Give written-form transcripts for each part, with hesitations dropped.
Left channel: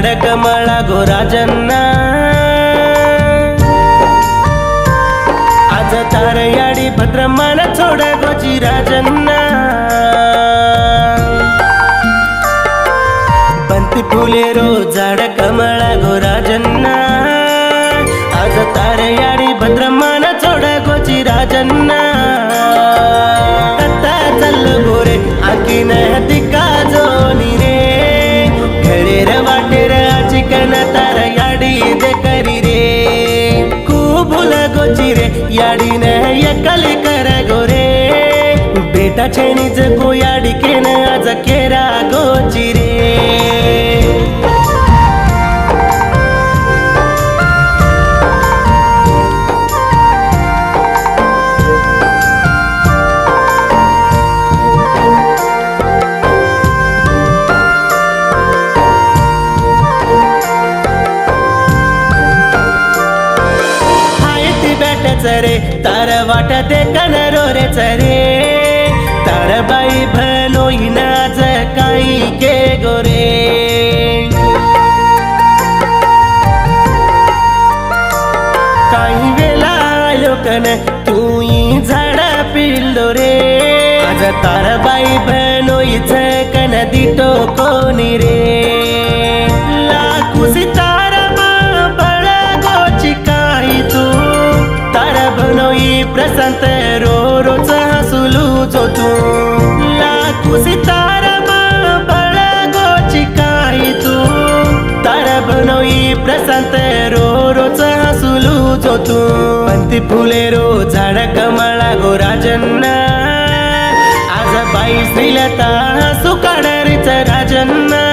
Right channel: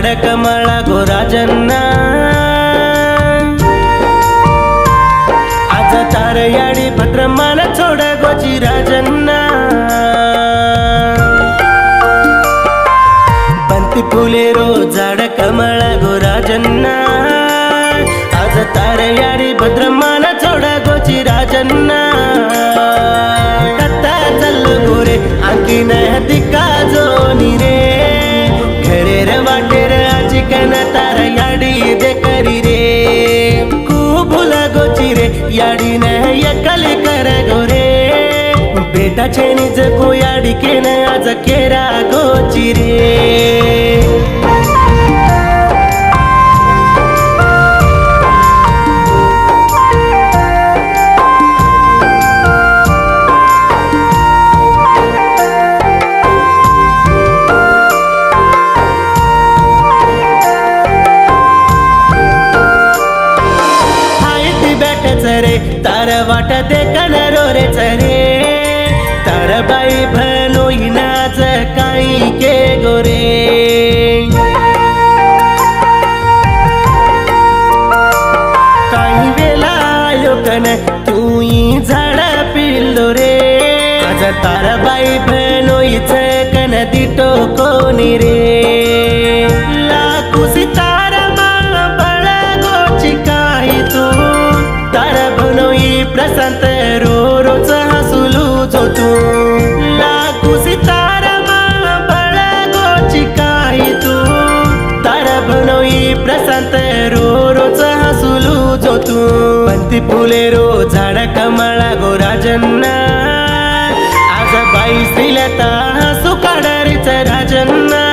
झाड कमळा गो राजन्ना आज तार याडी भद्र मान छोड गोची राजन्ना बंती फुले रो झाड कमळा गो राजन्ना आज तार याडी भद्र मान छोड गोची राजन्ना कत्ता चल गोरे आखीन दिका जोनी रे घरे रे वाटेर आजिकन तार याडी दे करी रे भूल गोची रे याडी ने यकली कर गोरे बेटा छेनी जगो याडी के न आज केरा गोची रे रे तार वाट दे कनरो रे चरे तार बाई भनोई नाज काई के गोरे काही वेला लोकन तूई झाड पिल्लो रे आज तार बाई भनोई कन दिटो कोनी रे लाकू सितारा मा बळ गोची काही तू तार बनोई प्रशांत रो रोच हसुलू जो तू लाकू सितारा मा बळ गोची काही तू तार बनोई प्रशांत रो रोच हसुलू जो तू बंती फुले रो झाड कमळा गो राजन्ना आज बाई श्रीलता हसू काढारीच राजन्ना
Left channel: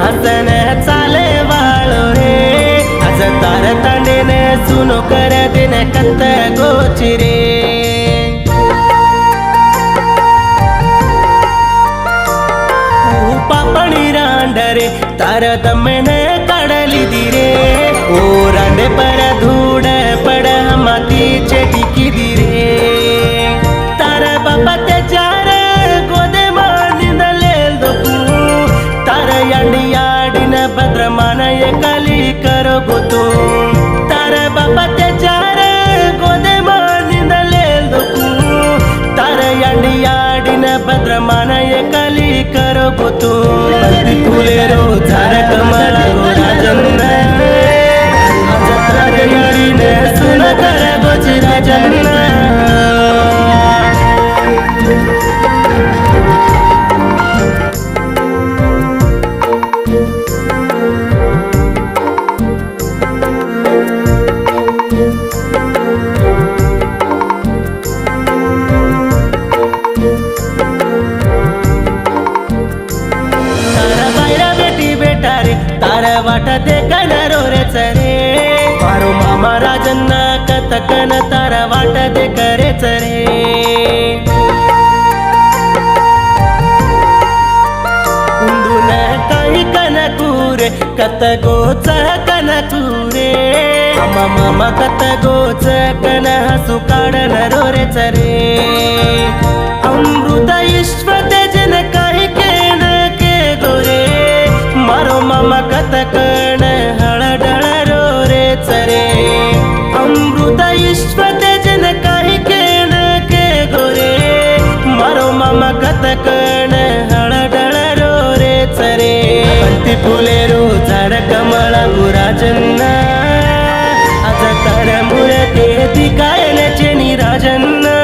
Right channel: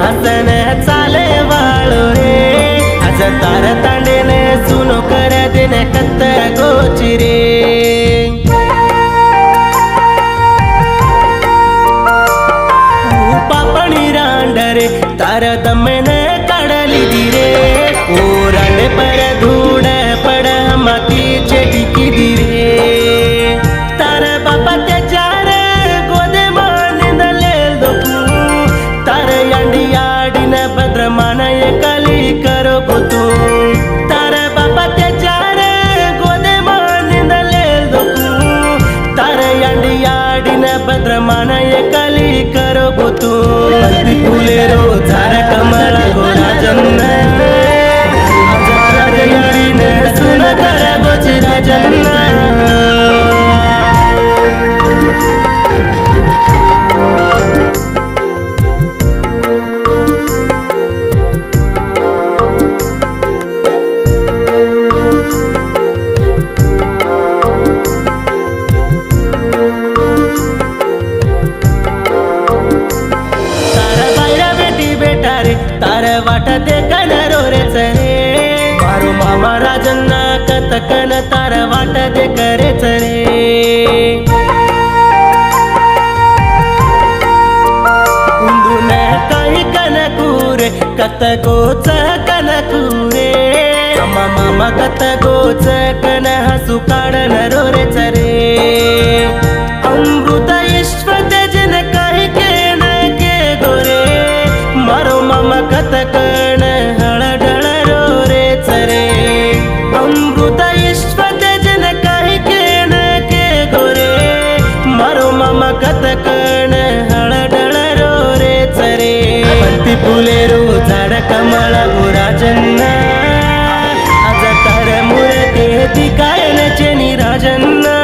हसन चाले वाळो रे आज तार तांडेने सुनो कर देने कत्त गोची रे पापणी रांडरे तार दमने काढली दिरे ओ रांडे पर धूड पड माती चेटिकी दिरे तार बापा त्याचार गोदे मानिंदलेल दोकू तार यांडी याडीन भद्र मानय कली करो गोतू तार बापा त्याचार गोदे मानिंदलेल दोकू तार यांडी याडीन भद्र मानय कली करो गोतू बंती फुले रो झाड कमळा गो राजन्ना आज तार याडीन सुन कर गोची राजन्ना तार वाट दे कनरो रे चरे मारो मामा राजन्ना कतकन तार वाट दे करे चरे उंदून काही कनकूरे कत गोच कनकूरे मामा मामा कत गोच कन हसू काढन रो रे चरे अमृत ईश्व तेजन काही केन के गोरे मारो मामा कतकण हळडळ रो रे चरे अमृत ईश्व तेजन काही केन के गोरे मारो मामा कतकण हळडळ रो रे चरे बंती फुले रो झाड कमळा गो राजन्ना आज तार मूर्ती दिकायन चेनी राजन्ना